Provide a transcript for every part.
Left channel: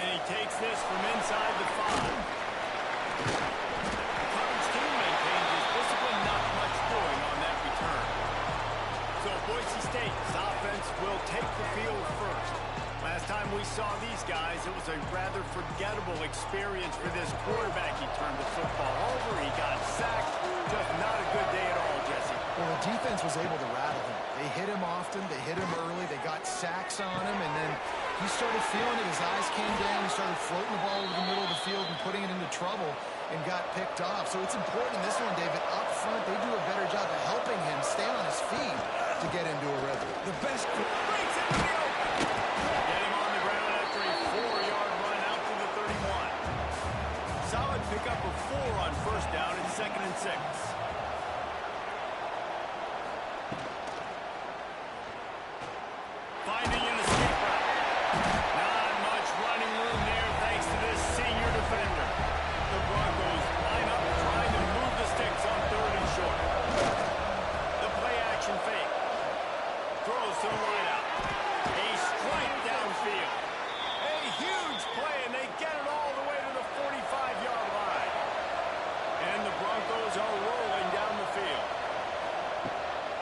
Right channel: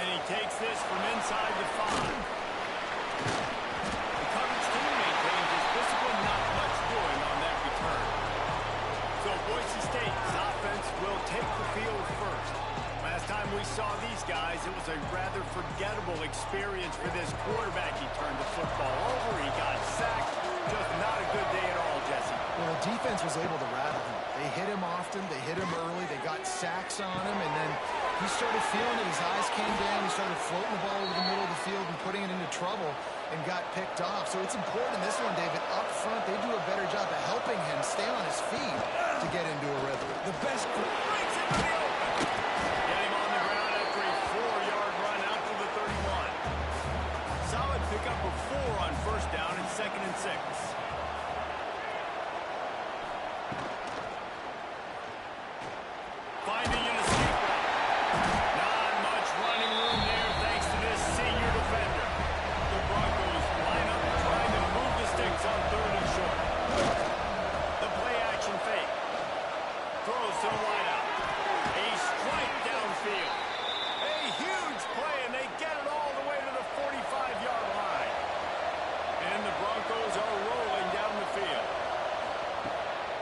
And he takes this from inside the 5. The coverage team maintains his discipline, not much doing on that return. So Boise State's offense will take the field first. Last time we saw these guys, it was a rather forgettable experience for this quarterback. He turned the football over, he got sacked. Just not a good day at all, Jesse. Well, the defense was able to rattle him. They hit him often, they hit him early, they got sacks on him, and then he started feeling it. His eyes came down, he started floating the ball over the middle of the field and putting it into trouble and got picked off. So it's important in this one, David. Up front, they do a better job of helping him stay on his feet to get into a rhythm. The best breaks into the open. Get him on the ground after a 4-yard run out to the 31. Solid pickup of 4 on first down and 2nd and 6. Finding an escape route. Not much running room there thanks to this senior defender. The Broncos line up trying to move the sticks on 3rd and short. The play action fake. Throws to the wideout. A strike downfield. A huge play, and they get it all the way to the 45-yard line. And the Broncos are rolling down the field.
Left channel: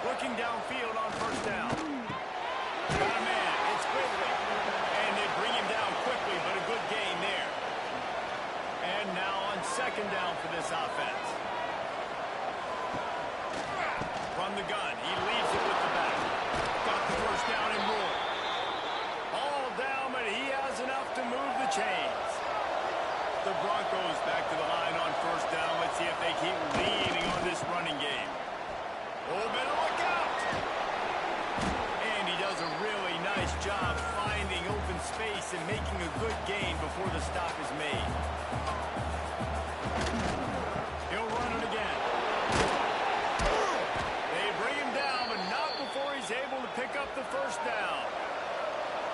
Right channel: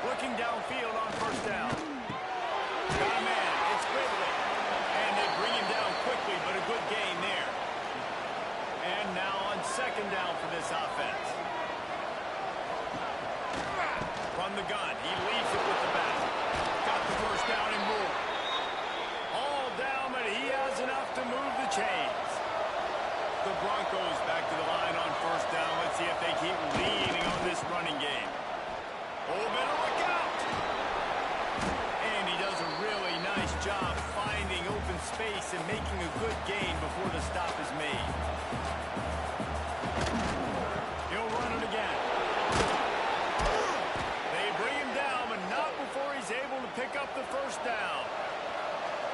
Looking downfield on first down. Got a man. It's Ridley. And they bring him down quickly, but a good gain there. And now on 2nd down for this offense. From the gun. He leaves it with the back. Got the first down and more. All down, but he has enough to move the chains. The Broncos back to the line on first down. Let's see if they keep leading on this running game. Oh, better look out! And he does a really nice job finding open space and making a good gain before the stop is made. He'll run it again. They bring him down, but not before he's able to pick up the first down.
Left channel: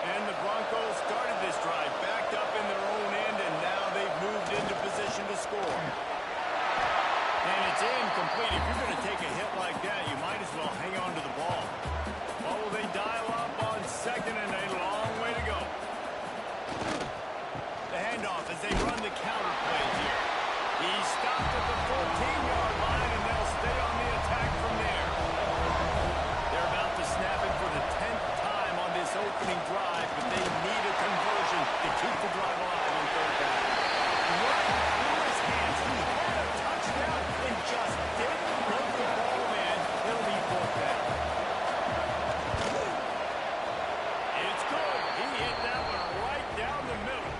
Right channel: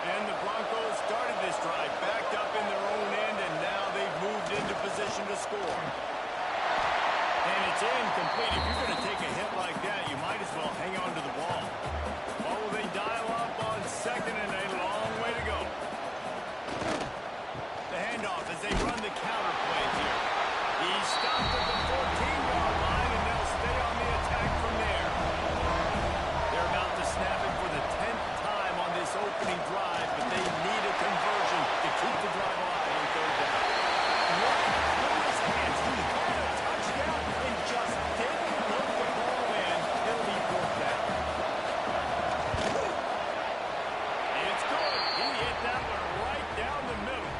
And the Broncos started this drive backed up in their own end, and now they've moved into position to score. And it's incomplete. If you're going to take a hit like that, you might as well hang on to the ball. What will they dial up on 2nd, and a long way to go. The handoff as they run the counter play here. He's stopped at the 14-yard line, and they'll stay on the attack from there. They're about to snap it for the 10th time on this opening drive, but they need a conversion to keep the drive alive on 3rd down. Right through his hands. He had a touchdown and just didn't look the ball in. It'll be 4th down. It's good. He hit that one right down the middle.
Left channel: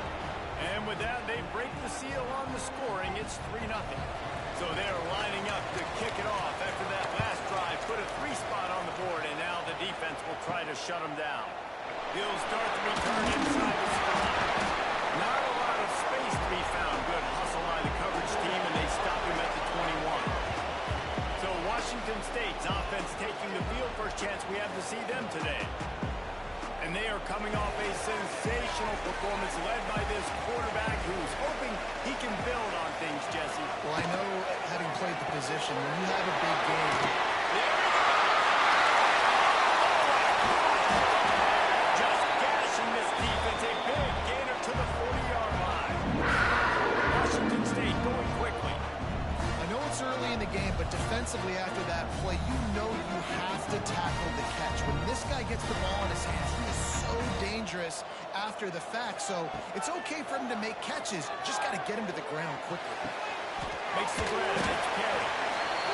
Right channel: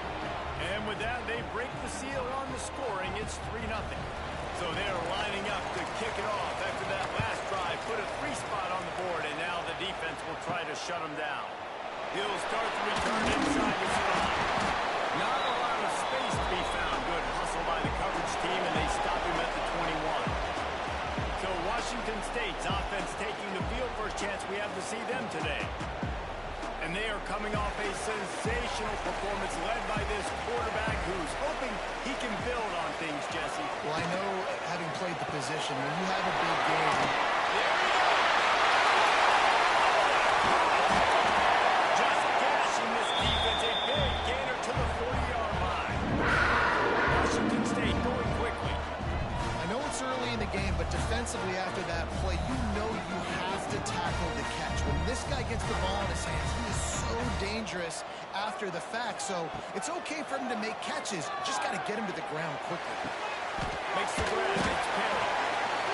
And with that, they break the seal on the scoring. It's 3-0. So they're lining up to kick it off after that last drive. Put a 3 spot on the board, and now the defense will try to shut them down. He'll start the return inside the spot. Not a lot of space to be found. Good hustle by the coverage team, and they stop him at the 21. So Washington State's offense taking the field. First chance we have to see them today. And they are coming off a sensational performance led by this quarterback who's hoping he can build on things, Jesse. Well, I know, having played the position, when you have a big game... There he goes! Oh, what a catch! Just gashing this defense. A big gainer to the 40-yard line. Washington State going quickly. I know it's early in the game, but defensively after that play, you know you have to tackle the catch. When this guy gets the ball in his hands, he is so dangerous after the fact. So it's okay for him to make catches. Just got to get him to the ground quickly. Makes the grab. It's Perry.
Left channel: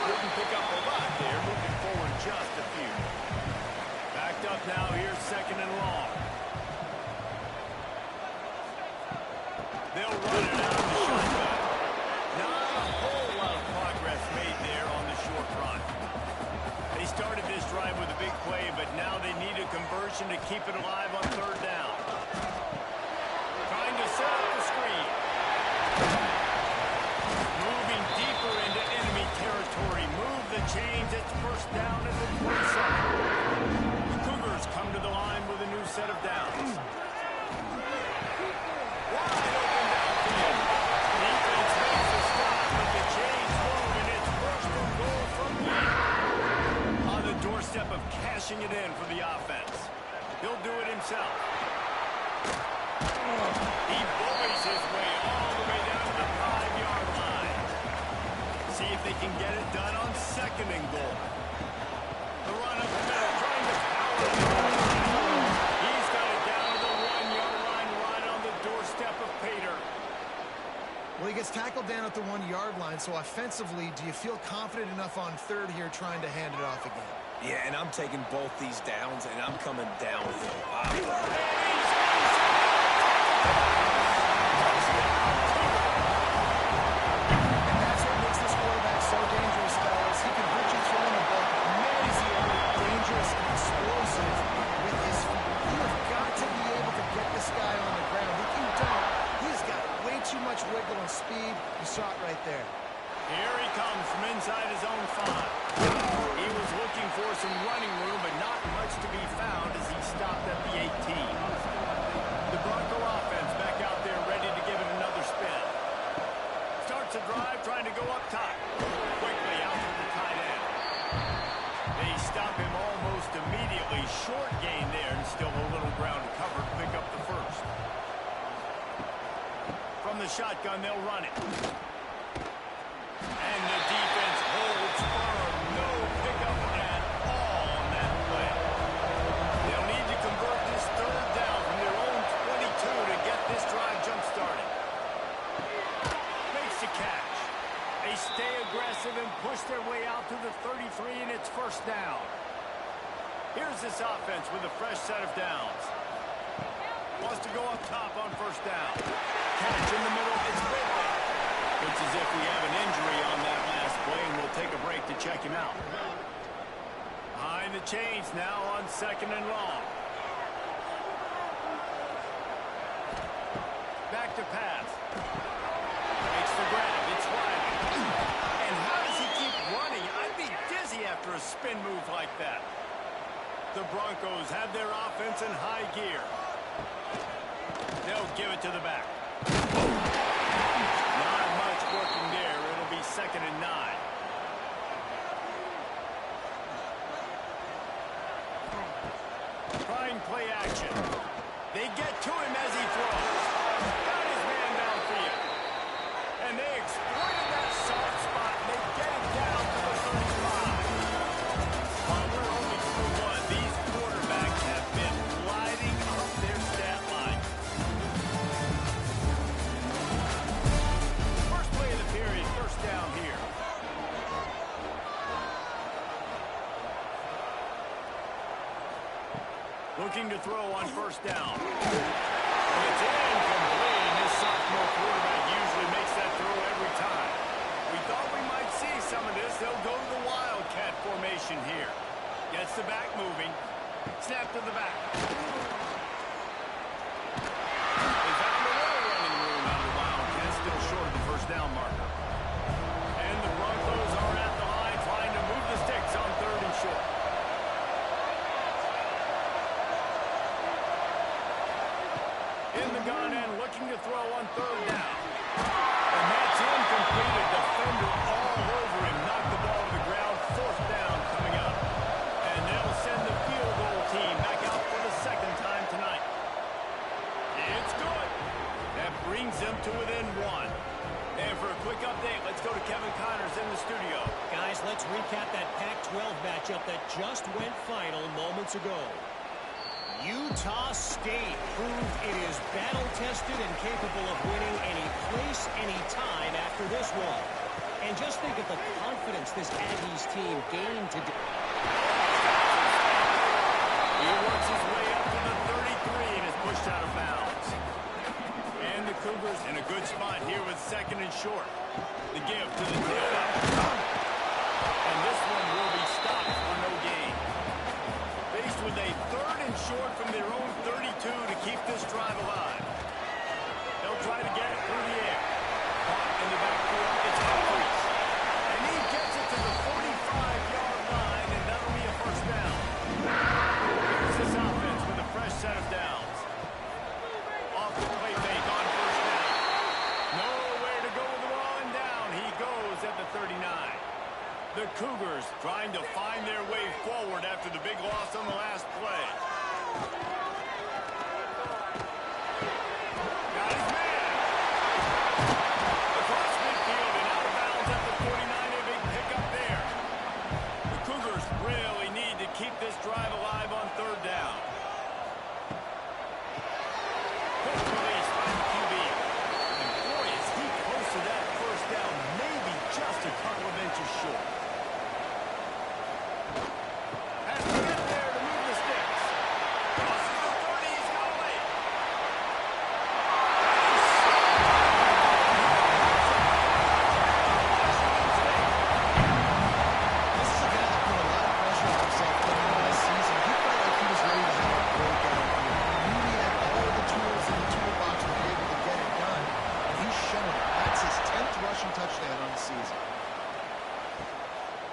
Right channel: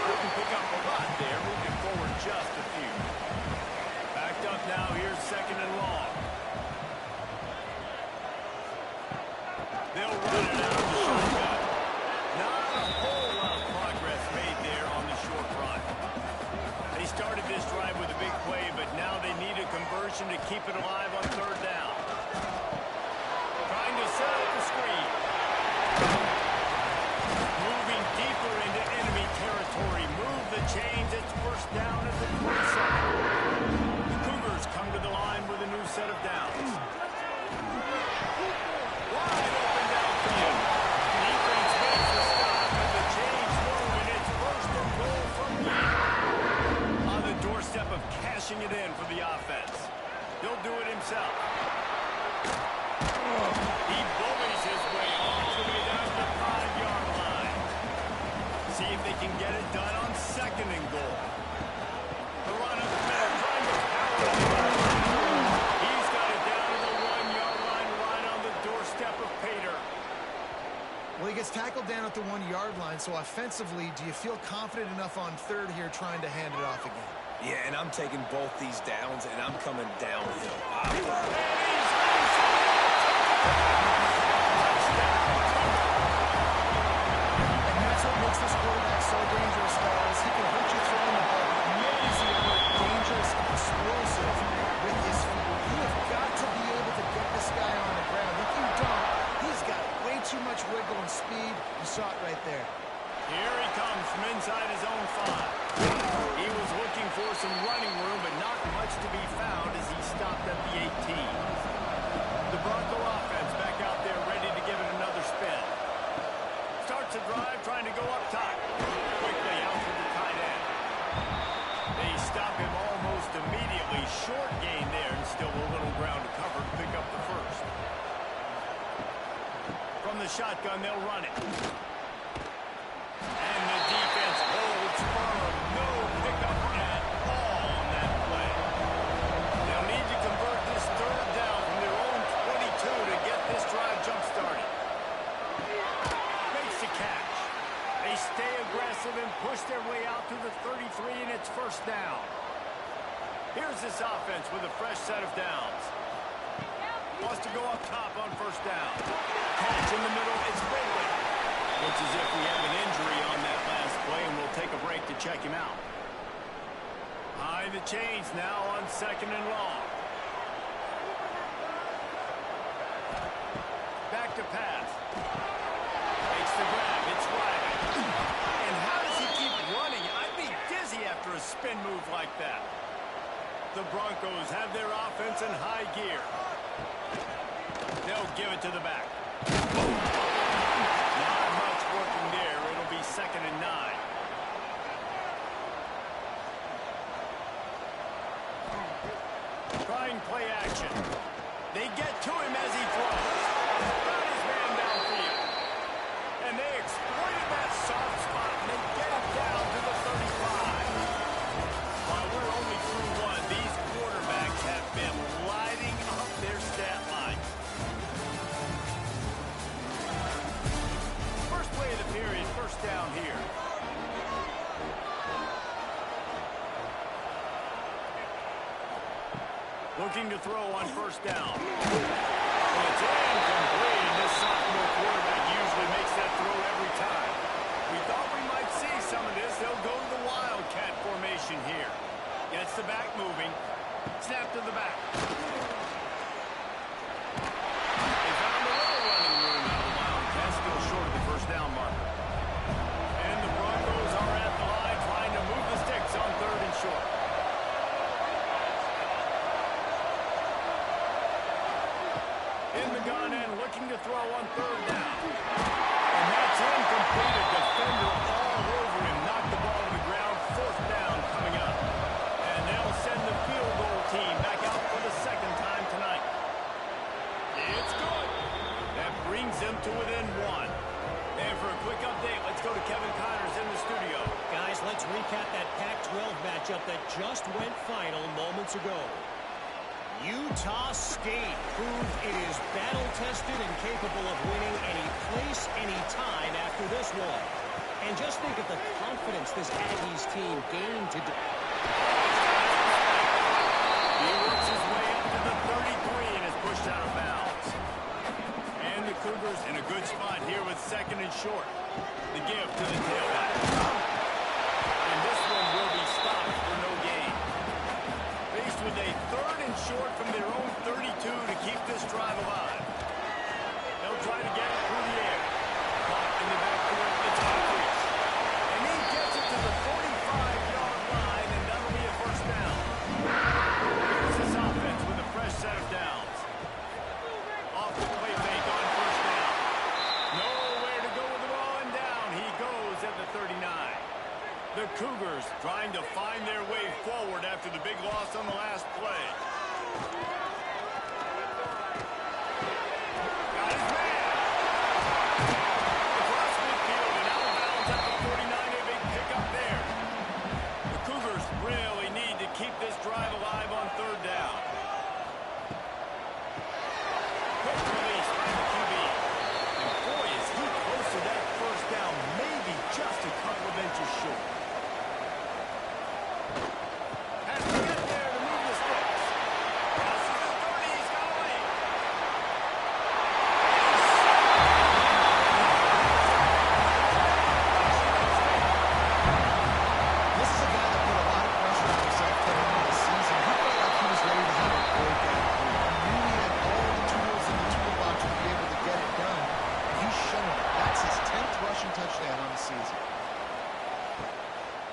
Couldn't pick up a lot there. Moving forward just a few. Backed up now. Here's 2nd and long. They'll run it out of the shotgun. Not a whole lot of progress made there on the short run. They started this drive with a big play, but now they need a conversion to keep it alive on 3rd down. Trying to set up the screen. Moving deeper into enemy territory. Move the chains. It's 1st down at the 27. The Cougars come to the line with a new set of downs. Wide open downfield. Defense makes the stop, but the chains move, and it's 1st and goal from here. On the doorstep of cashing it in for the offense. He'll do it himself. He bullies his way all the way down to the 5-yard line. See if they can get it done on 2nd and goal. The run up the middle, trying to power it. He's got it down to the 1-yard line, right on the doorstep of Pater. Well, he gets tackled down at the 1-yard line, so offensively, do you feel confident enough on 3rd here trying to hand it off again? Yeah, and I'm taking both these downs, and I'm coming downhill. Wow. And he's losing it. Touchdown, Cougar. And that's what makes this quarterback so dangerous, fellas. He can hurt you throwing the ball, but man, is he ever dangerous and explosive with his feet. You have got to be able to get this guy on the ground. If you don't, he's got way too much wiggle and speed. You saw it right there. Here he comes from inside his own 5. He was looking for some running room, but not much to be found as he stopped at the 18. The Bronco offense back out there ready to give it another spin. Starts a drive trying to go up top. Quickly out to the tight end. They stop him almost immediately. Short gain there and still a little ground to cover to pick up the 1st. From the shotgun, they'll run it. And the defense holds firm. No pickup at all on that play. They'll need to convert this 3rd down from their own 22 to get this drive jump-started. Makes the catch. They stay aggressive and push their way out to the 33, and it's 1st down. Here's this offense with a fresh set of downs. Wants to go up top on 1st down. Catch in the middle, it's Ridley. Looks as if we have an injury on that last play, and we'll take a break to check him out. Behind the chains now on 2nd and long. Back to pass. Makes the grab, it's Riley. And how does he keep running? I'd be dizzy after a spin move like that. The Broncos have their offense in high gear. They'll give it to the back. Not much working there. It'll be 2nd and 9. Trying play action. They get to him as he throws. Got his man downfield. And they exploited that soft spot, and they get it down to the 35. While we're only through 1, these quarterbacks have been lighting up their stat line. First play of the period, 1st down here. Looking to throw on 1st down. It's incomplete, and this sophomore quarterback usually makes that throw every time. We thought we might see some of this. They'll go to the Wildcat formation here. Gets the back moving. Snap to the back. They found a little running room out of the Wildcats, still short of the 1st down marker. And the Broncos are at the line trying to move the sticks on 3rd and short. In the gun and looking to throw on 3rd down. And that's incomplete. A defender all over him. Knocked the ball to the ground. 4th down coming up. And they'll send the field goal team back out for the 2nd time tonight. It's good. That brings them to within 1. And for a quick update, let's go to Kevin Connors in the studio. Guys, let's recap that Pac-12 matchup that just went final moments ago. Utah State proved it is battle-tested and capable of winning any place, any time after this one. And just think of the confidence this Aggies team gained today. He works his way up to the 33 and is pushed out of bounds. And the Cougars in a good spot here with 2nd and short. The give to the tailback. And this one will be stopped for no gain. Faced with a 3rd and short from their own 32 to keep this drive alive. They'll try to get it through the air. Caught in the backfield, it's Humphries. And he gets it to the 45-yard line, and that'll be a 1st down. Here's this offense with a fresh set of downs. Off the play fake on 1st down. Nowhere to go with the ball, and down he goes at the 39. The Cougars trying to find their way forward after the big loss on the last play. Got his man. Across midfield and out of bounds at the 49. A big pickup there. The Cougars really need to keep this drive alive on third down. Quick release by the QB. And boy, is he close to that first down. Maybe just a couple of inches short. Has to get there to move the sticks. Crosses the 30. He's got away. This is a guy that put a lot of pressure on himself coming into the season. He felt like he was ready to have a breakout here. He knew he had all the tools in the toolbox to be able to get it done, and he's shown it. That's his 10th rushing touchdown on the season.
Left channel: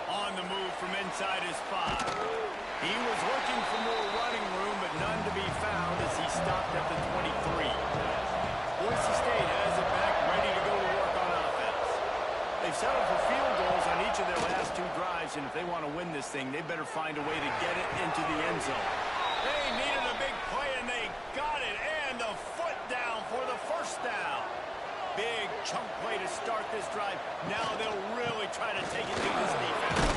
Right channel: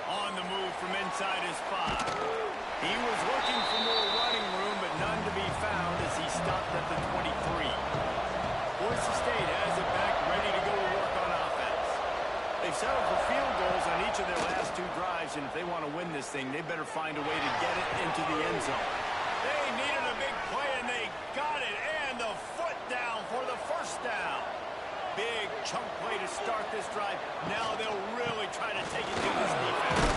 On the move from inside his 5. He was looking for more running room, but none to be found as he stopped at the 23. Boise State has it back, ready to go to work on offense. They've settled for field goals on each of their last 2 drives, and if they want to win this thing, they better find a way to get it into the end zone. They needed a big play, and they got it, and the foot down for the first down. Big chunk play to start this drive. Now they'll really try to take it to this defense.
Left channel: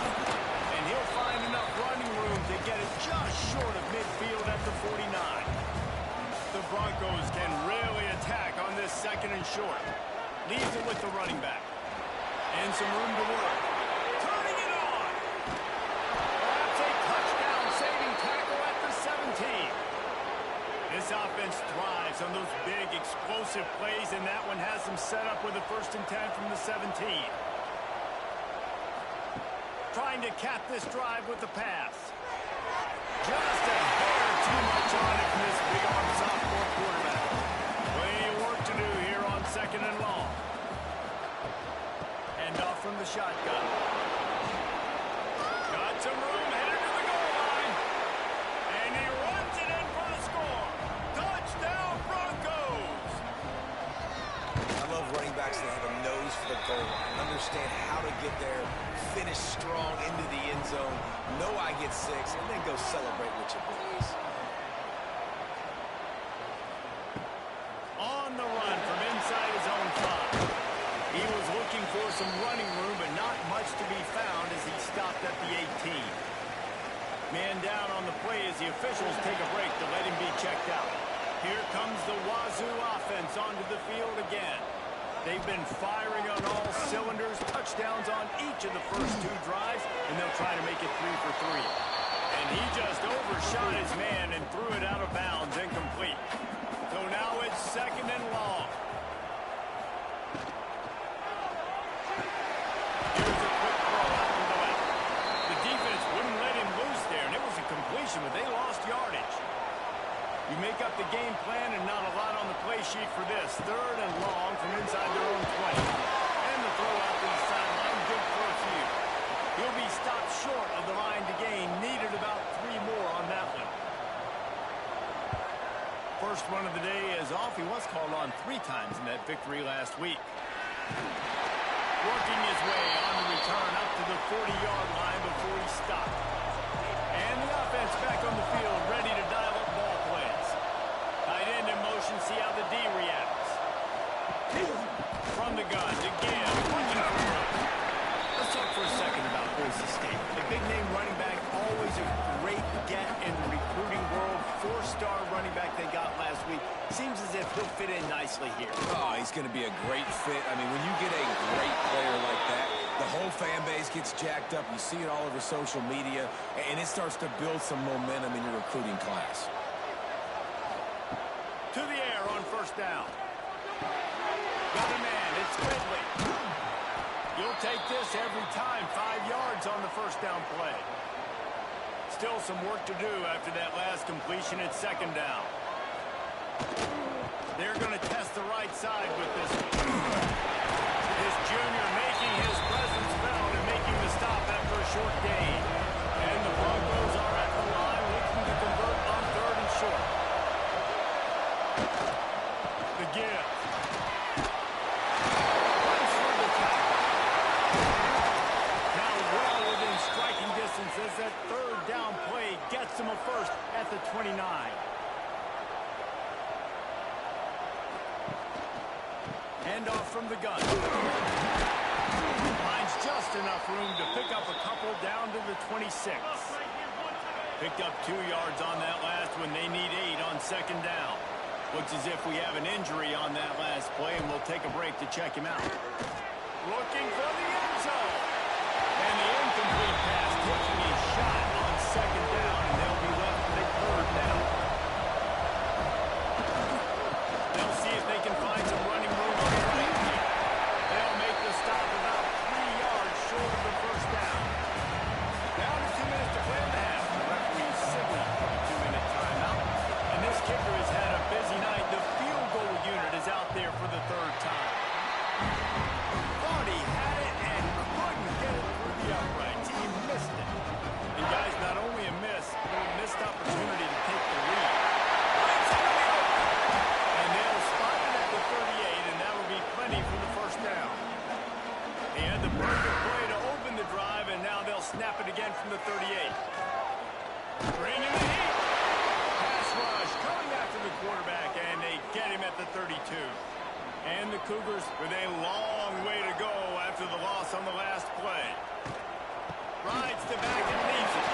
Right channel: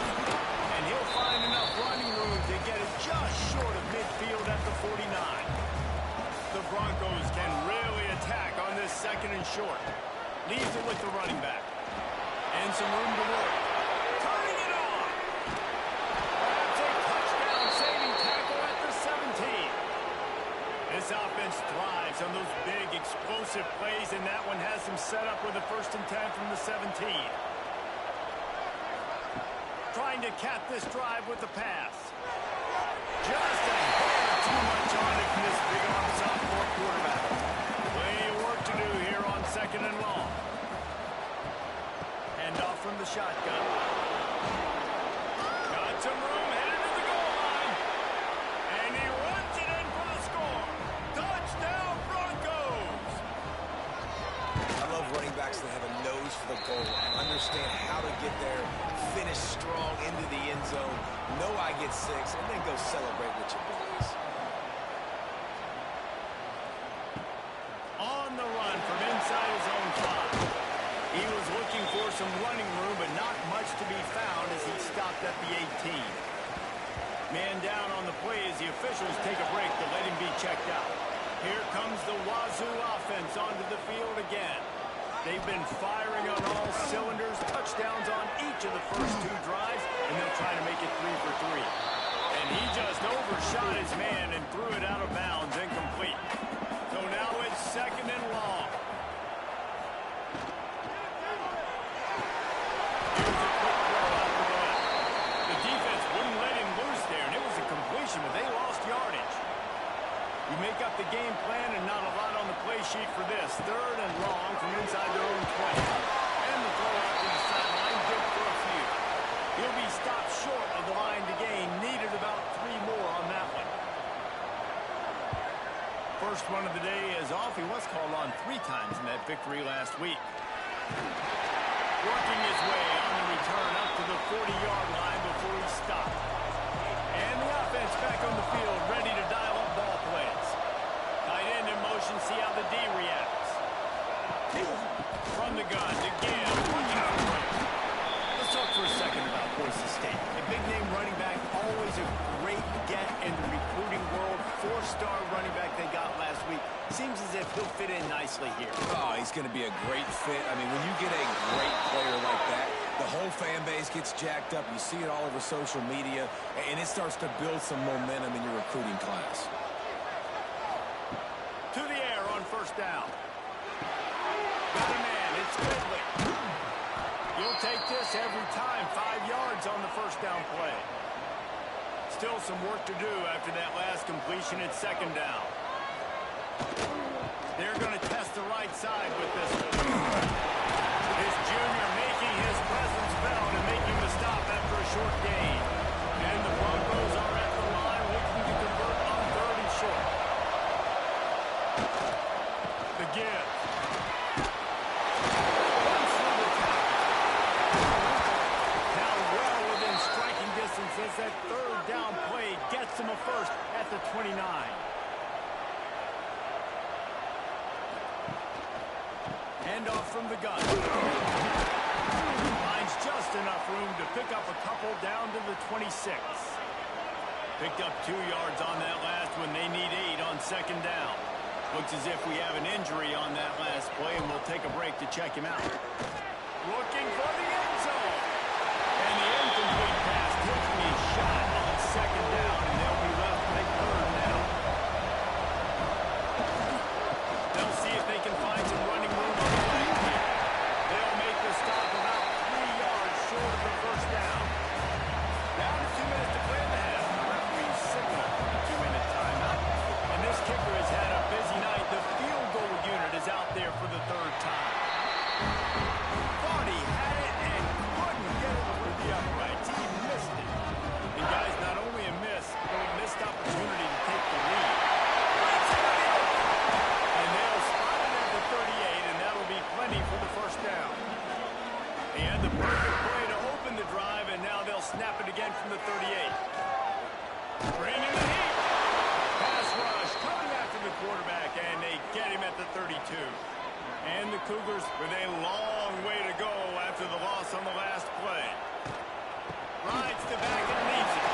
And he'll find enough running room to get it just short of midfield at the 49. The Broncos can really attack on this second and short. Leaves it with the running back. And some room to work. Turning it on. Perhaps a touchdown-saving tackle at the 17. This offense thrives on those big, explosive plays, and that one has them set up with a 1st and 10 from the 17. Trying to cap this drive with the pass. Just a hair too much on it from this big-arm sophomore quarterback. Plenty of work to do here on 2nd and long. Hand off from the shotgun. Got some room, headed to the goal line. And he runs it in for the score. Touchdown, Broncos! I love running backs that have a nose for the goal line. Understand how to get there, finish strong into the end zone, know I get 6, and then go celebrate with your boys. On the run from inside his own 5. He was looking for some running room, but not much to be found as he stopped at the 18. Man down on the play as the officials take a break to let him be checked out. Here comes the Wazoo offense onto the field again. They've been firing on all cylinders, touchdowns on each of the first 2 drives, and they'll try to make it 3 for 3. And he just overshot his man and threw it out of bounds, incomplete. So now it's 2nd and long. Here's a quick throw out to the left. The defense wouldn't let him loose there, and it was a completion, but they lost yardage. You make up the game plan and not a lot on the play sheet for this. 3rd and long from inside their own 20. And the throw out to the sideline, good for a few. He'll be stopped short of the line to gain. Needed about 3 more on that one. First one of the day is off. He was called on 3 times in that victory last week. Working his way on the return up to the 40-yard line before he stopped. And the offense back on the field, ready to dial up ball plays. Tight end in motion, see how the D reacts. From the gun to give, looking for room. Let's talk for a second about Boise State. A big-name running back, always a great get in the recruiting world. 4-star running back they got last week. Seems as if he'll fit in nicely here. Oh, he's going to be a great fit. I mean, when you get a great player like that, the whole fan base gets jacked up. You see it all over social media, and it starts to build some momentum in your recruiting class. To the air on 1st down. Got a man. It's Ridley. You'll take this every time. 5 yards on the 1st down play. Still some work to do after that last completion at 2nd down. They're going to test the right side with this one. This junior making his presence felt and making the stop after a short gain. And the Broncos are at the line looking to convert on 3rd and short. The give. Runs through the tackle. Now well within striking distance as that 3rd down play gets him a first at the 29. Handoff from the gun. Finds just enough room to pick up a couple down to the 26. Picked up 2 yards on that last one. They need 8 on second down. Looks as if we have an injury on that last play, and we'll take a break to check him out. Looking for the end zone. And the incomplete pass taking a shot on second down, and they'll be left with a third down. They'll see if they can find some running room on the right here. They'll make the stop about 3 yards short of the first down. Down to 2 minutes to play in the half. The referee signaled for the 2-minute timeout. And this kicker has had a busy night. The field goal unit is out there for the third time. Thought he had it and couldn't get it through the uprights. He missed it. And guys, not only a miss, but a missed opportunity to take the lead. Breaks into the open. And they'll spot it at the 38, and that'll be plenty for the first down. He had the perfect play to open the drive, and now they'll snap it again from the 38. Bringing the heat. Pass rush coming after the quarterback, and they get him at the 32. And the Cougars with a long way to go after the loss on the last play. Rides the back and leaves it.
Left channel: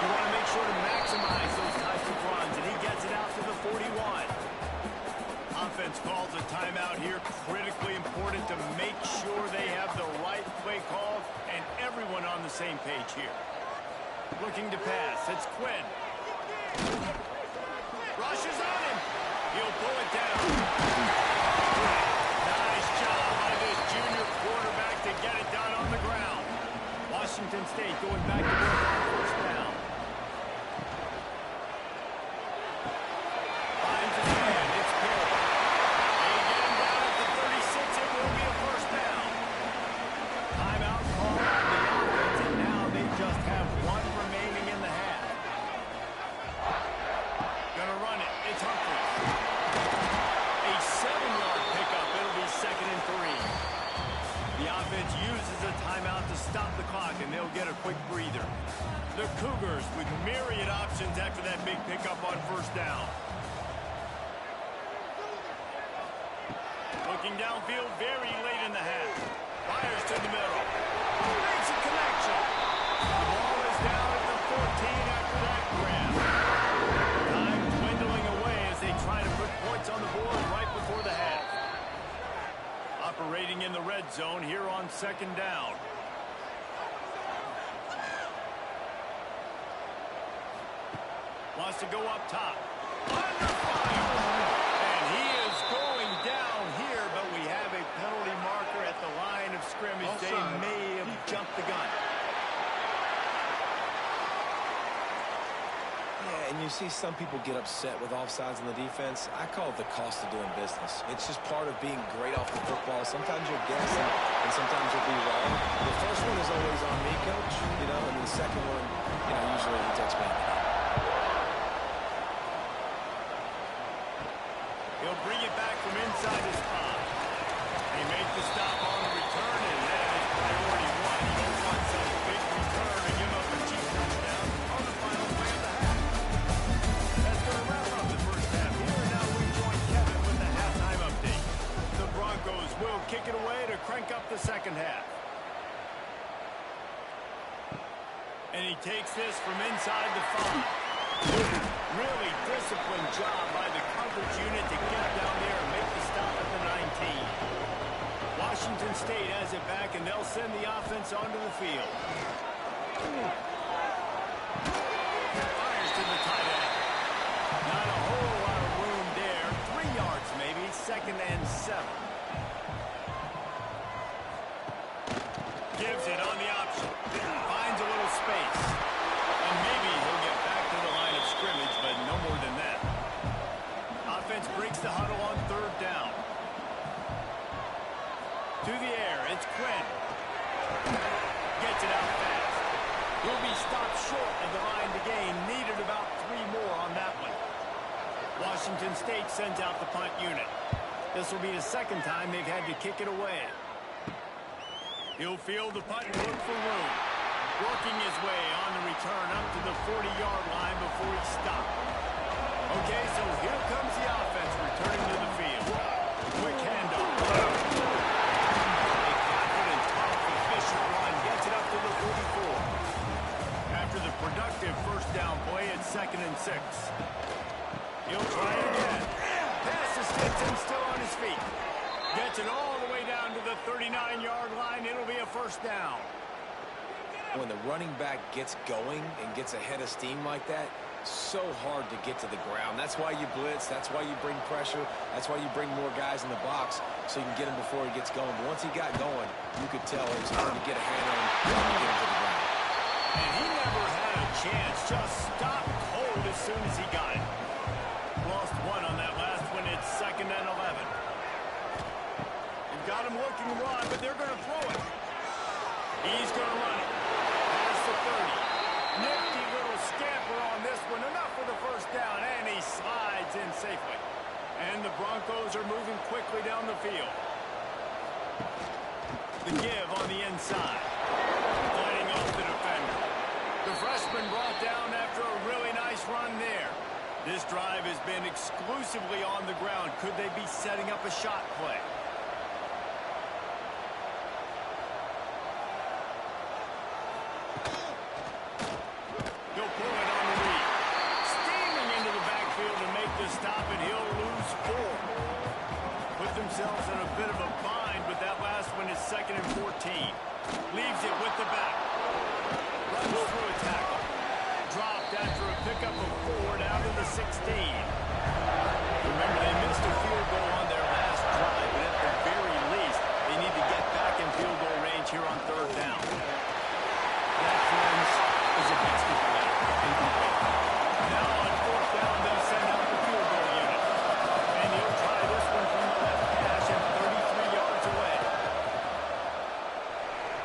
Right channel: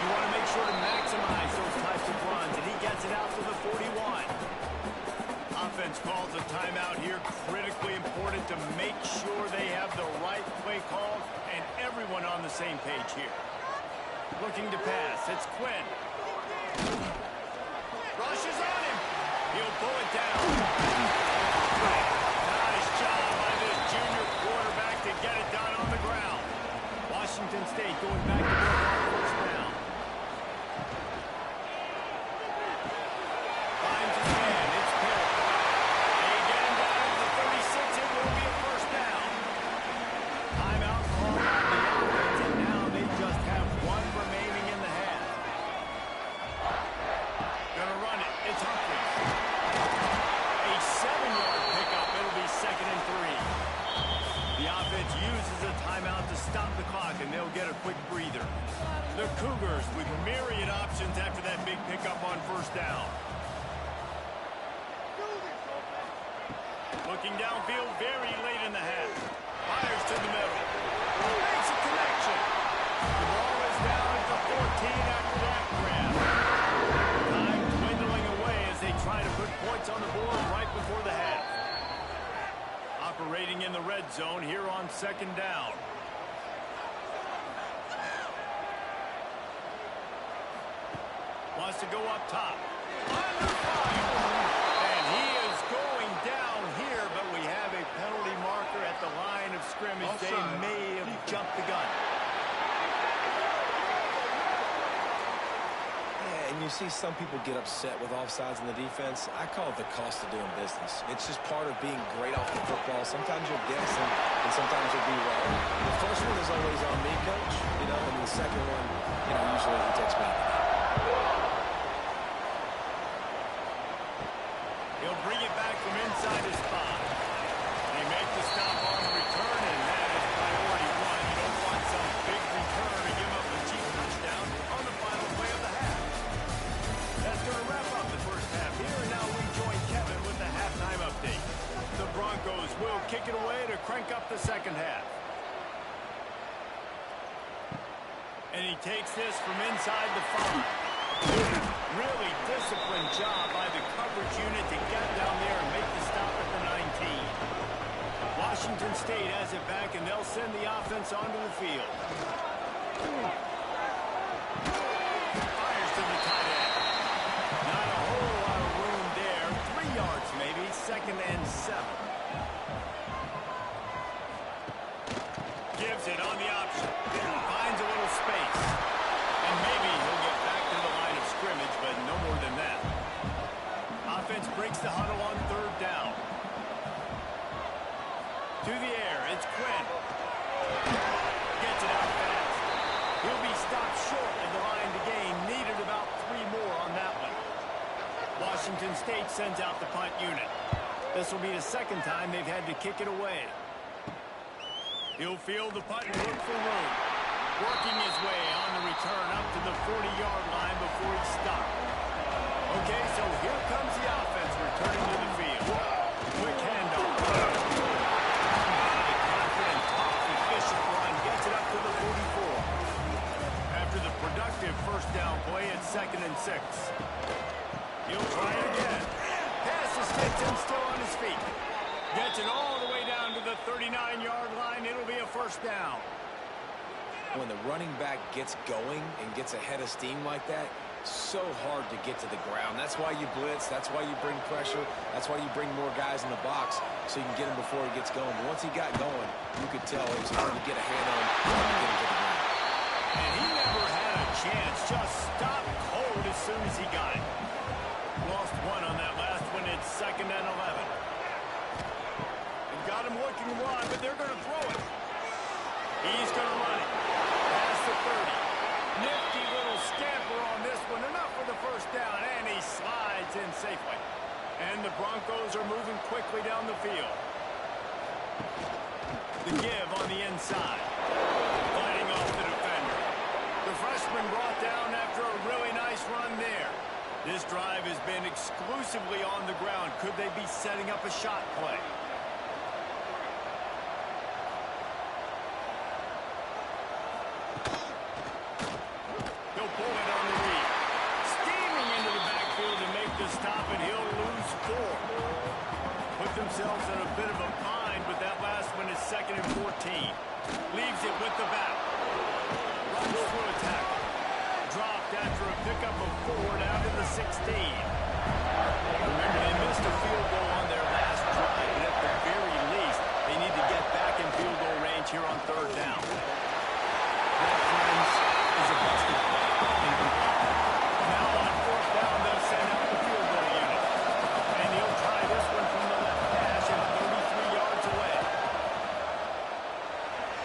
You want to make sure to maximize those types of runs, and he gets it out to the 41. Offense calls a timeout here. Critically important to make sure they have the right play call and everyone on the same page here. Looking to pass. It's Quinn. Rushes on him. He'll pull it down. Nice job by this junior quarterback to get it done on the ground. Washington State going back to work on first down. Finds his man. It's Perry. They get him down at the 36. It will be a first down. Timeout called on the offense, and now they just have one remaining in the half. Gonna run it. It's Humphries. A 7-yard pickup. It'll be 2nd and 3. The offense uses a timeout to stop the clock, and they'll get a quick breather. The Cougars with myriad options after that big pickup on first down. Looking downfield very late in the half. Fires to the middle. Makes a connection. The ball is down at the 14 after that grab. Time dwindling away as they try to put points on the board right before the half. Operating in the red zone here on second down. Wants to go up top. Under fire. And he is going down here, but we have a penalty marker at the line of scrimmage. Offside. They may have jumped the gun. Yeah, and you see some people get upset with offsides in the defense. I call it the cost of doing business. It's just part of being great off the football. Sometimes you'll guess and sometimes you'll be wrong. The first one is always on me, Coach, and the second one, usually he takes me. He'll bring it back from inside his spot. They make the stop on the return, and that is priority one. You don't want some big return to give up a cheap touchdown on the final play of the half. That's going to wrap up the first half here, and now we join Kevin with the halftime update. The Broncos will kick it away to crank up the second half. And he takes this from inside the 5. Really disciplined job by the coverage unit to get down there and make the stop at the 19. Washington State has it back, and they'll send the offense onto the field. Fires to the tight end. Not a whole lot of room there. 3 yards maybe, 2nd and 7. Gives it on the option. Finds a little space. And maybe he'll get back to the line of scrimmage, but no more than that. Offense breaks the huddle on third down. To the air, it's Quinn. Gets it out fast. He'll be stopped short of the line to gain. Needed about 3 more on that one. Washington State sends out the punt unit. This will be the second time they've had to kick it away. He'll field the punt and look for room. Working his way on the return up to the 40-yard line before he stopped. Okay, so here comes the offense returning to the field. and 6. He'll try it again. Pass to Stinson, still on his feet. Gets it all the way down to the 39-yard line. It'll be a first down. When the running back gets going and gets ahead of steam like that, so hard to get to the ground. That's why you blitz. That's why you bring pressure. That's why you bring more guys in the box so you can get him before he gets going. But once he got going, you could tell it was hard to get a hand on him, hard to get him to the ground. And he never had a chance. Just stopped cold as soon as he got it. Lost one on that last one. It's 2nd and 11. They've got him looking to run, but they're going to throw it. He's going to run it. Past the 30. Nifty little scamper on this one. Enough for the first down, and he slides in safely. And the Broncos are moving quickly down the field. The give on the inside. Fighting off the defender. The freshman brought down after a really nice run there. This drive has been exclusively on the ground. Could they be setting up a shot play? He'll pull it on the read. Steaming into the backfield to make the stop, and he'll lose 4. Put themselves in a bit of a bind, but that last one is 2nd and 14. Leaves it with the back. Runs through a tackle. Dropped after a pickup of 4 down to the 16. Remember, they missed a field goal on their last drive, but at the very least, they need to get back in field goal range here on 3rd down. That, friends, is a busted play. Incomplete. Now on 4th down, they'll send out the field goal unit. And he'll try this one from the left hash and 33 yards away.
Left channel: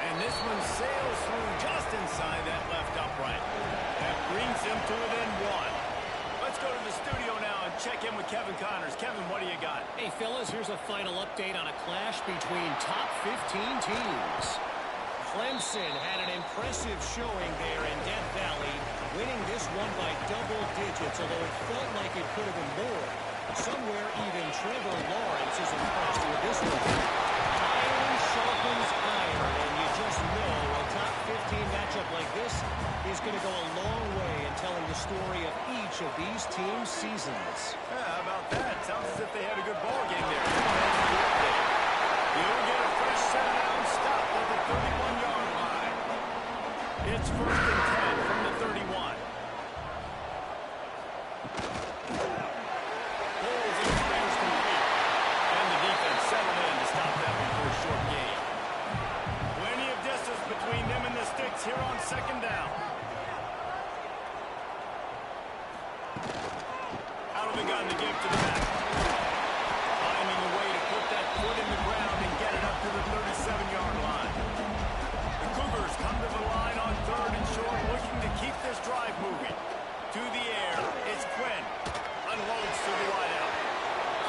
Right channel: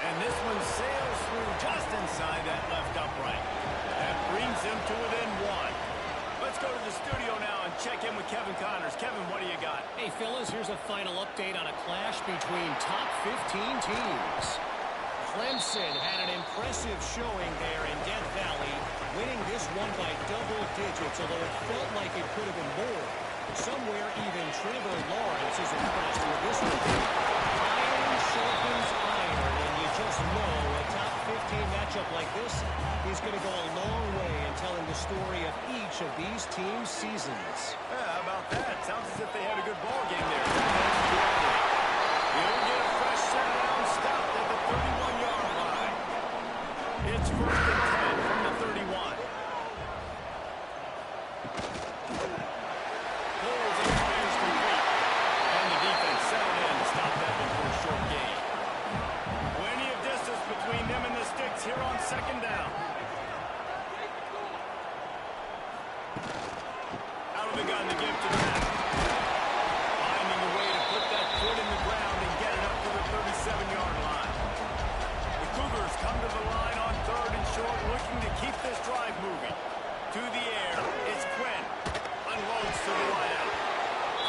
And this one sails through just inside that left upright. That brings him to within 1. Let's go to the studio now and check in with Kevin Connors. Kevin, what do you got? Hey, fellas, here's a final update on a clash between top 15 teams. Clemson had an impressive showing there in Death Valley, winning this one by double digits, although it felt like it could have been more. Somewhere even Trevor Lawrence is impressed with this one. Iron sharpens iron, and you just know a top 15 matchup like this is going to go a long way in telling the story of each of these teams' seasons. Yeah, how about that? Sounds as if they had a good ball game there. Thanks for the update. He'll get a fresh set down, stopped at the 31-yard line. It's 1st and 10 from the 31. Pulls and fires complete. And the defense settled in to stop that one for a short gain. Plenty of distance between them and the sticks here on 2nd down. Out of the gun to give to the back. Finding a way to put that foot in the ground and get it up to the 37-yard line. The Cougars come to the line on 3rd and short, looking to keep this drive moving. To the air, it's Quinn. Unloads to the wideout.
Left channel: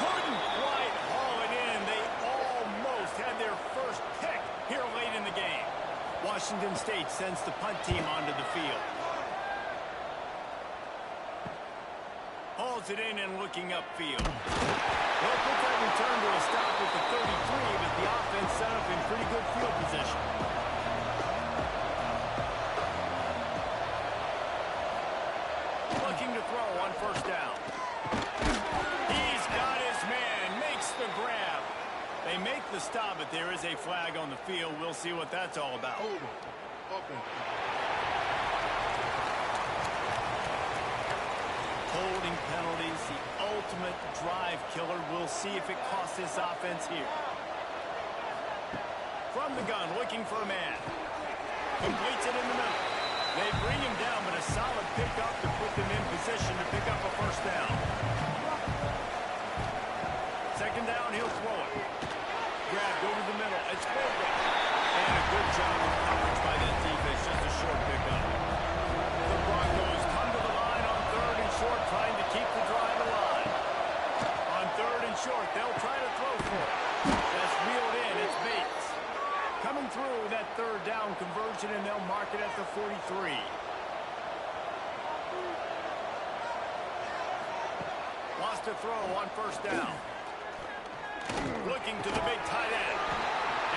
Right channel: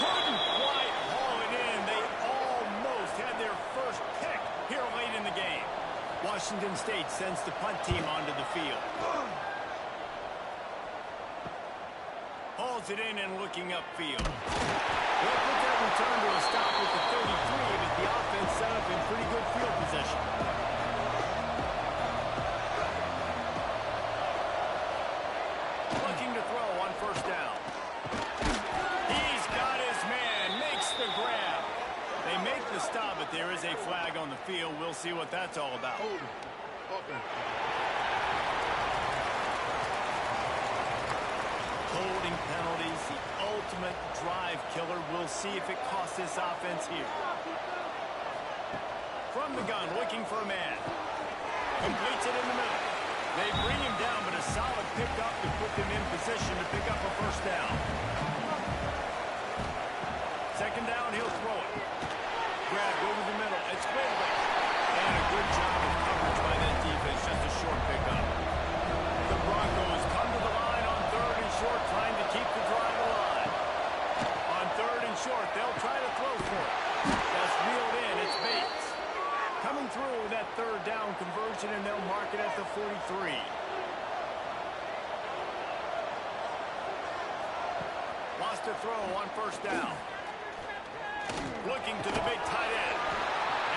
Couldn't quite haul it in. They almost had their first pick here late in the game. Washington State sends the punt team onto the field. Hauls it in and looking upfield. They'll put that return to a stop with the 33, but the offense set up in pretty good field position. Looking to throw on 1st down. He's got his man, makes the grab. They make the stop, but there is a flag on the field. We'll see what that's all about. Holding penalties, the ultimate drive killer. We'll see if it costs this offense here. From the gun, looking for a man. Completes it in the middle. They bring him down, but a solid pickup to put them in position to pick up a 1st down. 2nd down, he'll throw it. Grabbed over the middle. It's Quigley. And a good job of coverage by that defense. Just a short pickup. The Broncos come to the line on 3rd and short, trying to keep the drive alive. On 3rd and short, they'll try to throw for it. That's reeled in. It's Bates. Coming through that 3rd down conversion, and they'll mark it at the 43. Lost a throw on 1st down. Looking to the big tight end.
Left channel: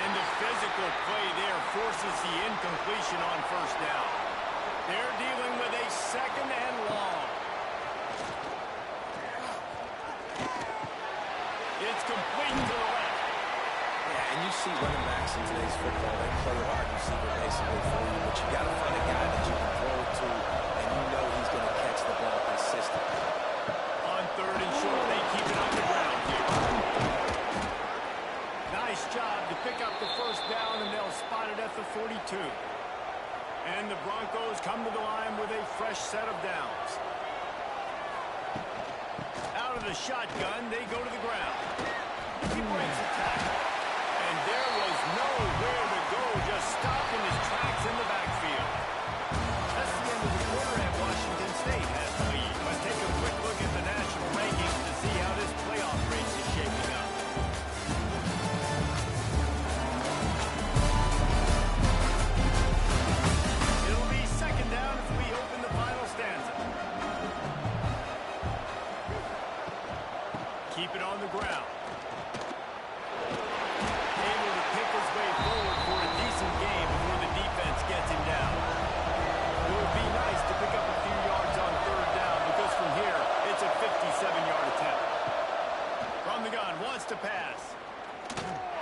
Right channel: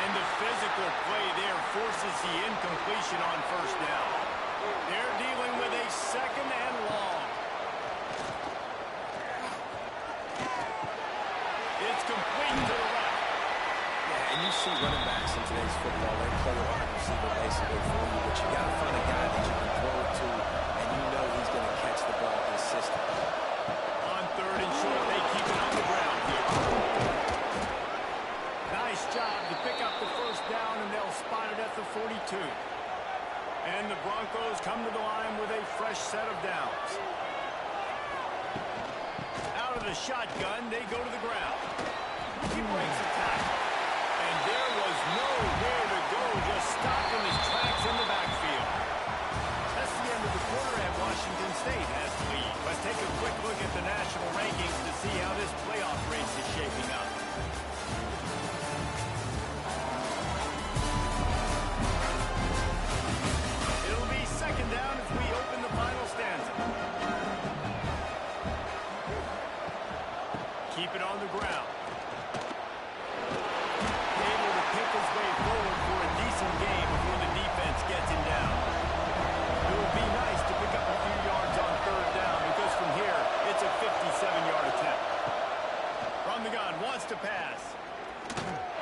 And the physical play there forces the incompletion on 1st down. They're dealing with a 2nd and long. It's complete to the left. Yeah, and you see running backs in today's football, they play wide receiver basically for you, but you got to find a guy that you can throw it to, and you know he's going to catch the ball consistently. On 3rd and short, they keep it on the ground here. Nice job to pick up the first down, and they'll spot it at the 42. And the Broncos come to the line with a fresh set of downs. Out of the shotgun, they go to the ground. He breaks a tackle. And there was nowhere to go, just stopped in his tracks in the backfield. That's the end of the quarter, and Washington State has the lead. Let's take a quick look at the national rankings to see how this playoff race is shaping up. It'll be 2nd down as we open the final stanza. Keep it on the ground. Able to pick his way forward for a decent game before the defense gets him down. It would be nice to pick up a few yards on 3rd down because from here, it's a 57-yard attempt. From the gun, wants to pass.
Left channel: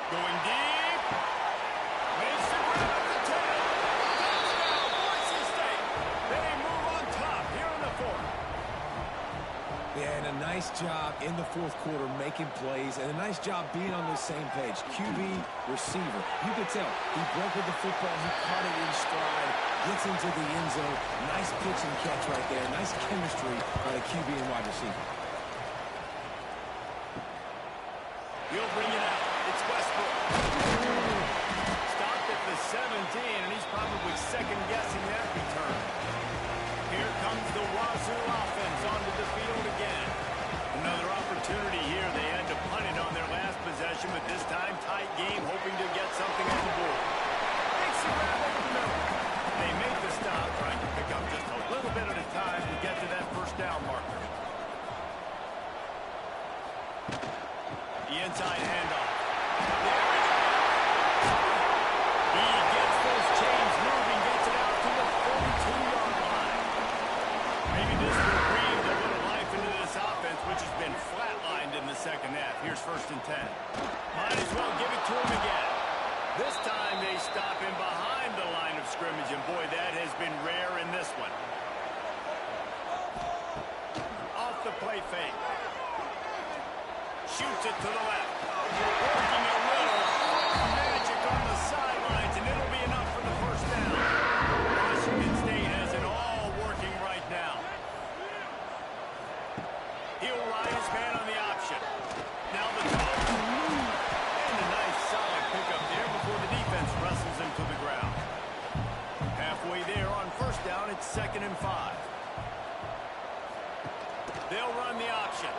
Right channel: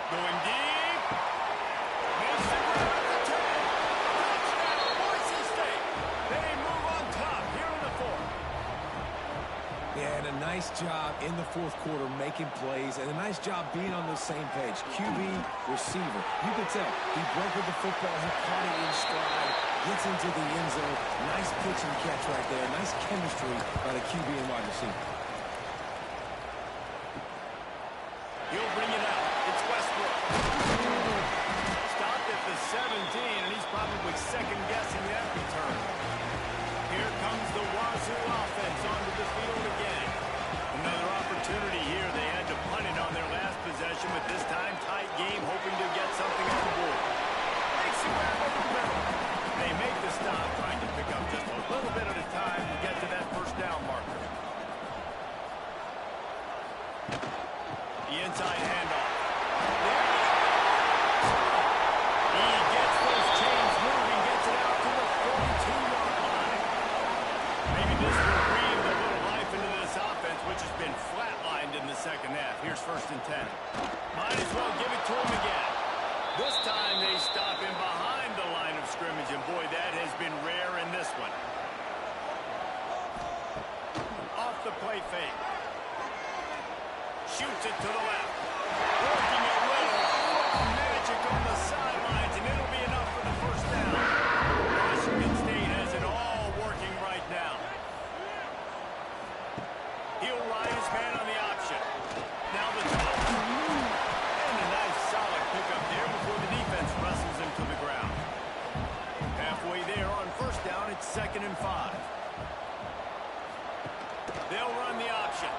Going deep. Makes the grab at the 10. Touchdown, Boise State. They move on top here in the 4th. Yeah, and a nice job in the 4th quarter making plays, and a nice job being on the same page. QB, receiver. You could tell he broke with the football. He caught it in stride, gets into the end zone. Nice pitch and catch right there. Nice chemistry by the QB and wide receiver. He'll bring it out. It's Westbrook. Stopped at the 17, and he's probably second-guessing that return. Here comes the Wazoo offense onto the field again. Another opportunity here. They had to punt it on their last possession, but this time tight game, hoping to get something on the board. Makes the grab over the middle. They make the stop, trying to pick up just a little bit at a time to get to that 1st down marker. The inside handoff. There he goes. He gets those chains moving, gets it out to the 42-yard line. Maybe this will breathe a little life into this offense, which has been flatlined in the 2nd half. Here's 1st and 10. Might as well give it to him again. This time they stop him behind the line of scrimmage, and boy, that has been rare in this one. Off the play fake. Shoots it to the left. Working a little magic on the sidelines, and it'll be enough for the 1st down. Washington State has it all working right now. He'll ride his man on the option. Now the toss. And a nice solid pickup there before the defense wrestles him to the ground. Halfway there on 1st down, it's 2nd and 5. They'll run the option.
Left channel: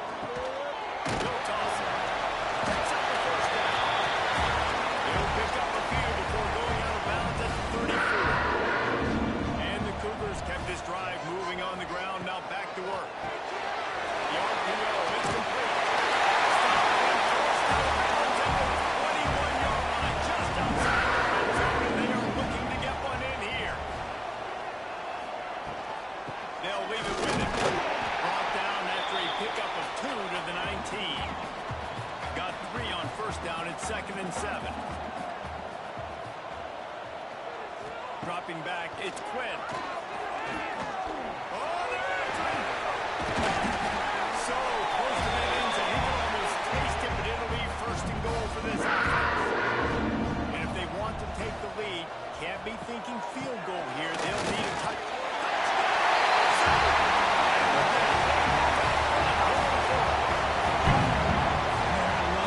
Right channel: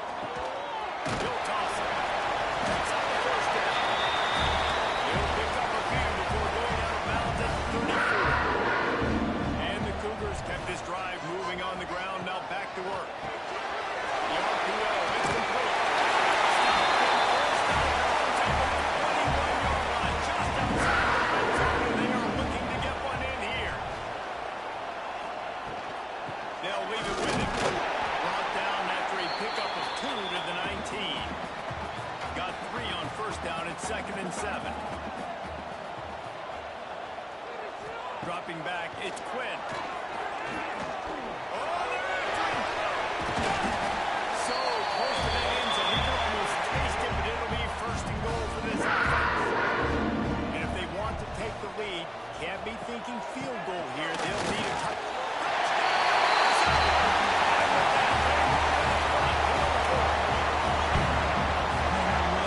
He'll toss it. Picks up the 1st down. He'll pick up a few before going out of bounds at the 34. And the Cougars kept this drive moving on the ground. Now back to work. The RPO, it's complete. Stopped and forced out of bounds at the 21-yard line, just outside the red zone, and they are looking to get one in here. They'll leave it with him. Brought down after a pickup of 2 to the 19. Got 3 on 1st down. It's 2nd and 7. Dropping back, it's Quinn. Oh, they're after him. Got it. So close to that end zone. He can almost taste it, but it'll be 1st and goal for this offense. And if they want to take the lead, can't be thinking field goal here. They'll need a touch.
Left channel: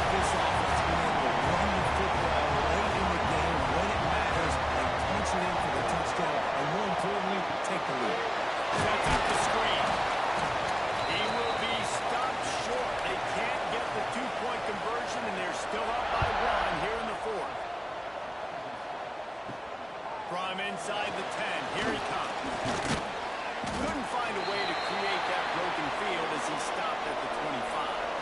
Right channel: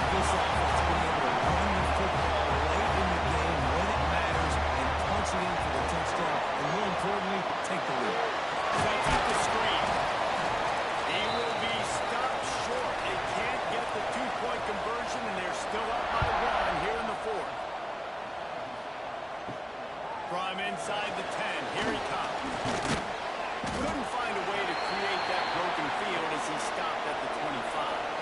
This offense being able to run the football late in the game when it matters and punch it in for the touchdown, and more importantly, take the lead. Sets up the screen. He will be stopped short. They can't get the 2-point conversion, and they're still up by 1 here in the 4th. From inside the 10, here he comes. Couldn't find a way to create that broken field as he stopped at the 25.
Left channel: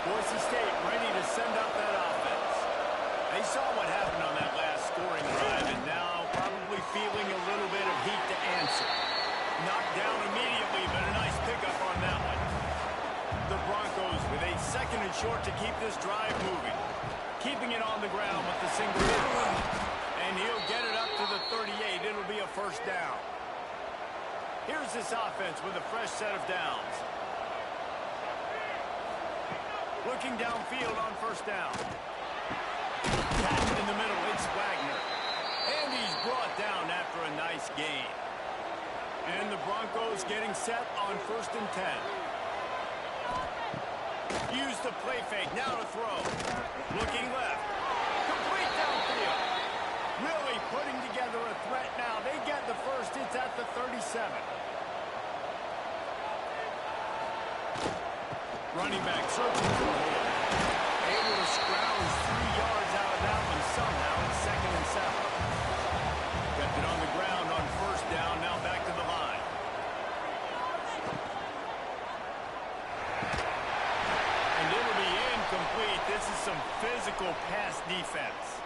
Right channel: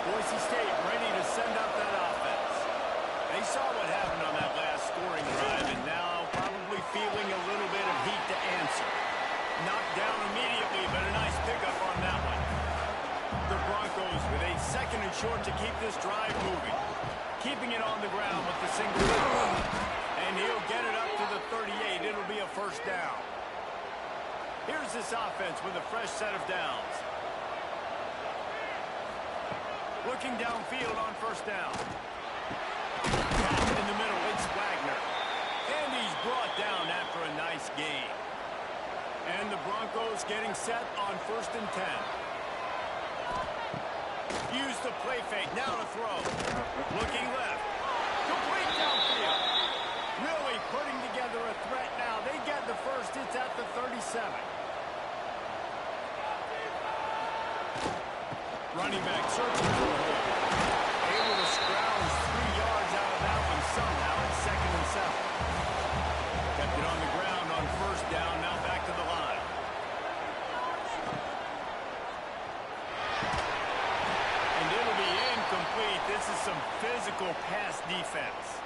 Boise State ready to send up that offense. They saw what happened on that last scoring drive, and now probably feeling a little bit of heat to answer. Knocked down immediately, but a nice pickup on that one. The Broncos with a 2nd and short to keep this drive moving. Keeping it on the ground with the single down. And he'll get it up to the 38. It'll be a first down. Here's this offense with a fresh set of downs. Looking downfield on first down. Cat in the middle, it's Wagner. And he's brought down after a nice gain. And the Broncos getting set on 1st and 10. Use the play fake, now to throw. Looking left. Complete downfield. Really putting together a threat now. They get the first, it's at the 37. Running back searching for a hole. Able to scrounge 3 yards out of that one somehow. It's 2nd and 7. Kept it on the ground on first down. Now back to the line. And it'll be incomplete. This is some physical pass defense.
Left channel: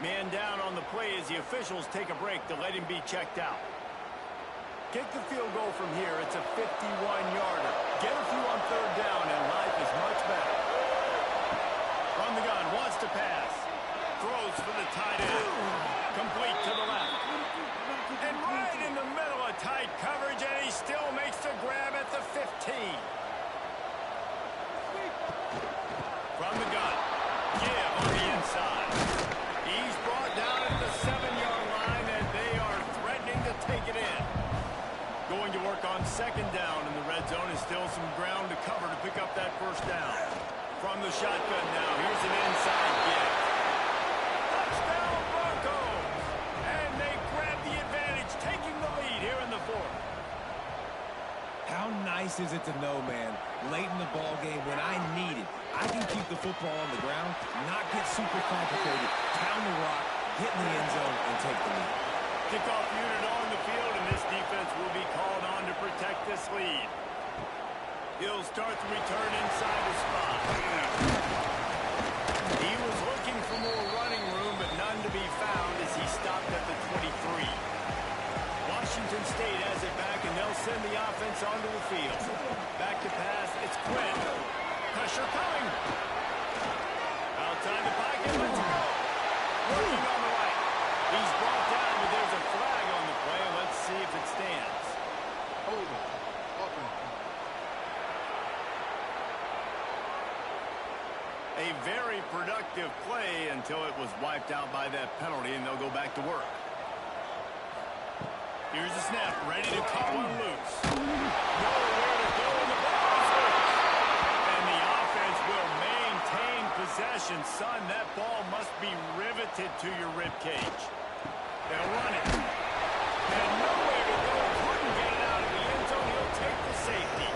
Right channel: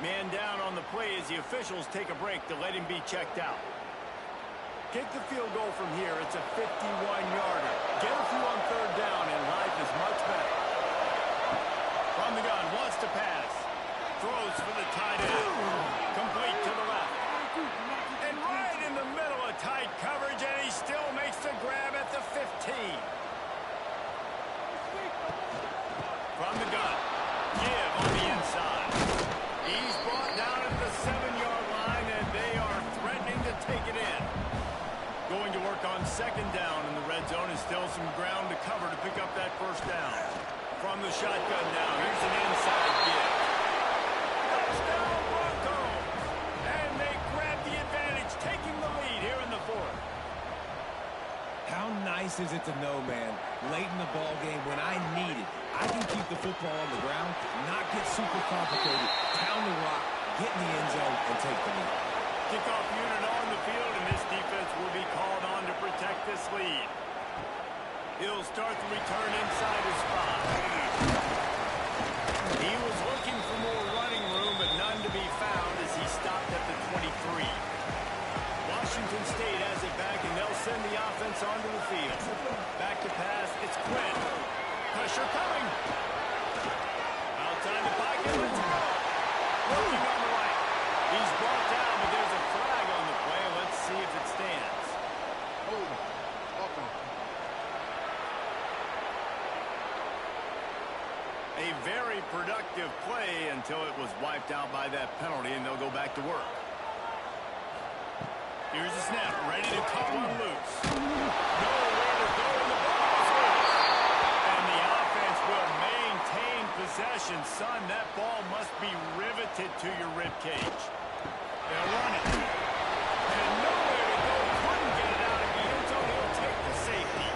Man down on the play as the officials take a break to let him be checked out. Kick the field goal from here. It's a 51-yarder. Get a few on 3rd down, and life is much better. From the gun, wants to pass. Throws for the tight end. Complete to the left. And right in the middle of tight coverage, and he still makes the grab at the 15. From the gun, give on the inside. He's brought down at the 7-yard line, and they are threatening to take it in. Going to work on 2nd down in the red zone is still some ground to cover to pick up that first down. From the shotgun now, here's an inside give. Touchdown Broncos! And they grab the advantage, taking the lead here in the 4th. How nice is it to know, man, late in the ball game when I need it, I can keep the football on the ground, not get super complicated, pound the rock, get in the end zone, and take the lead. Kickoff unit on the field, and this defense will be called on to protect this lead. He'll start the return inside his spot. He was looking for more running room, but none to be found as he stopped at the 23. Washington State has it back, and they'll send the offense onto the field. Back to pass, it's Quinn. Pressure coming. Outside the pocket, let's go. Working on the right. He's brought down, but there's a flag on the play. Let's see if it stands. A very productive play until it was wiped out by that penalty, and they'll go back to work. Here's the snap, ready to cut one loose. Nowhere to go, and the ball is loose. And the offense will maintain possession. Son, that ball must be riveted to your ribcage. They'll run it. And nowhere to go. Couldn't get it out of the end zone. He'll take the safety.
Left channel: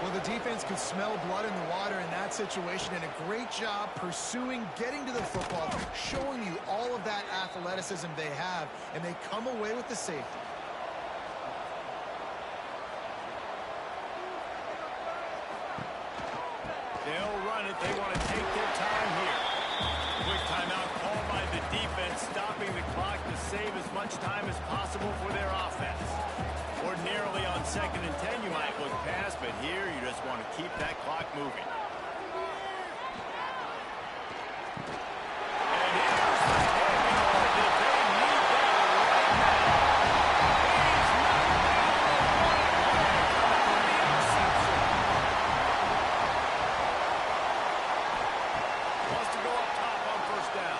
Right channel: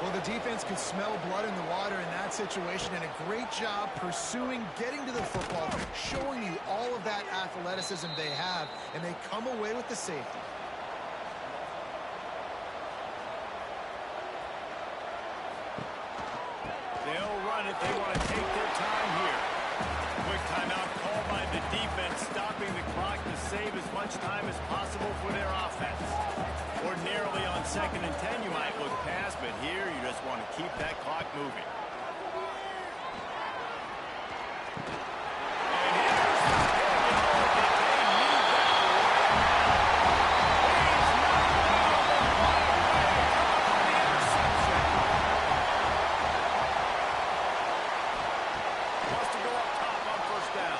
Well, the defense could smell blood in the water in that situation, and a great job pursuing, getting to the football, showing you all of that athleticism they have, and they come away with the safety. They'll run it. They want to take their time here. Quick timeout called by the defense, stopping the clock to save as much time as possible for their offense. Ordinarily on 2nd and 10, you might look past, but here you just want to keep that clock moving. And here's the pick, and oh, did they need that right now. He's knocked down the one play to come up with the interception. Wants to go up top on first down.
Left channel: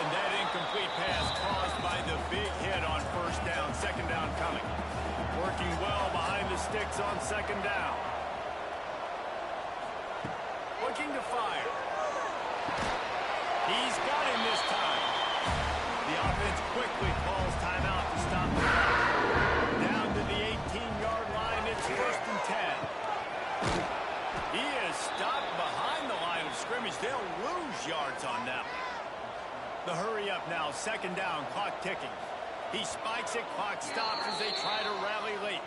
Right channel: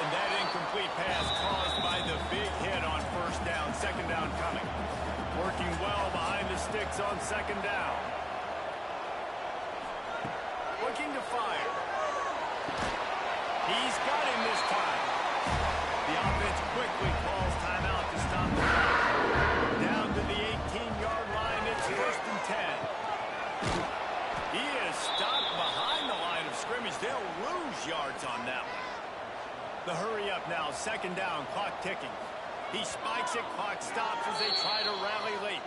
And that incomplete pass caused by the big hit on first down. 2nd down coming. Working well behind the sticks on 2nd down. Looking to fire. He's got him this time. The offense quickly calls timeout to stop the clock. Down to the 18-yard line. It's 1st and 10. He is stopped behind the line of scrimmage. They'll lose yards on that one. The hurry up now, 2nd down, clock ticking. He spikes it, clock stops as they try to rally late.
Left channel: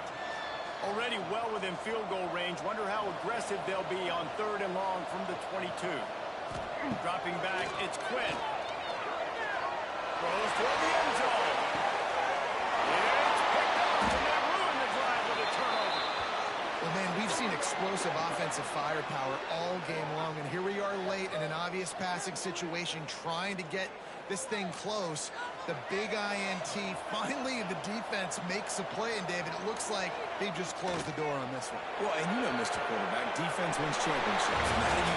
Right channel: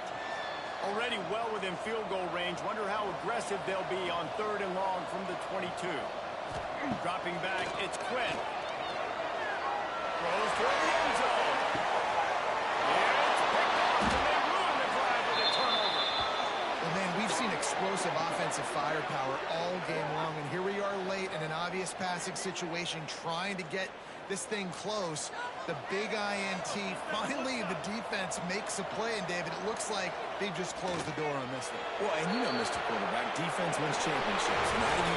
Already well within field goal range. Wonder how aggressive they'll be on 3rd and long from the 22. Dropping back, it's Quinn. Throws toward the end zone. It's picked up, and they ruin the drive with a turnover. Well, man, we've seen explosive explosive offensive firepower all game long, and here we are late in an obvious passing situation trying to get this thing close. The big INT, finally the defense makes a play, and David, it looks like they just closed the door on this one. Well, and you know, Mr. Quarterback, defense wins championships, and how do you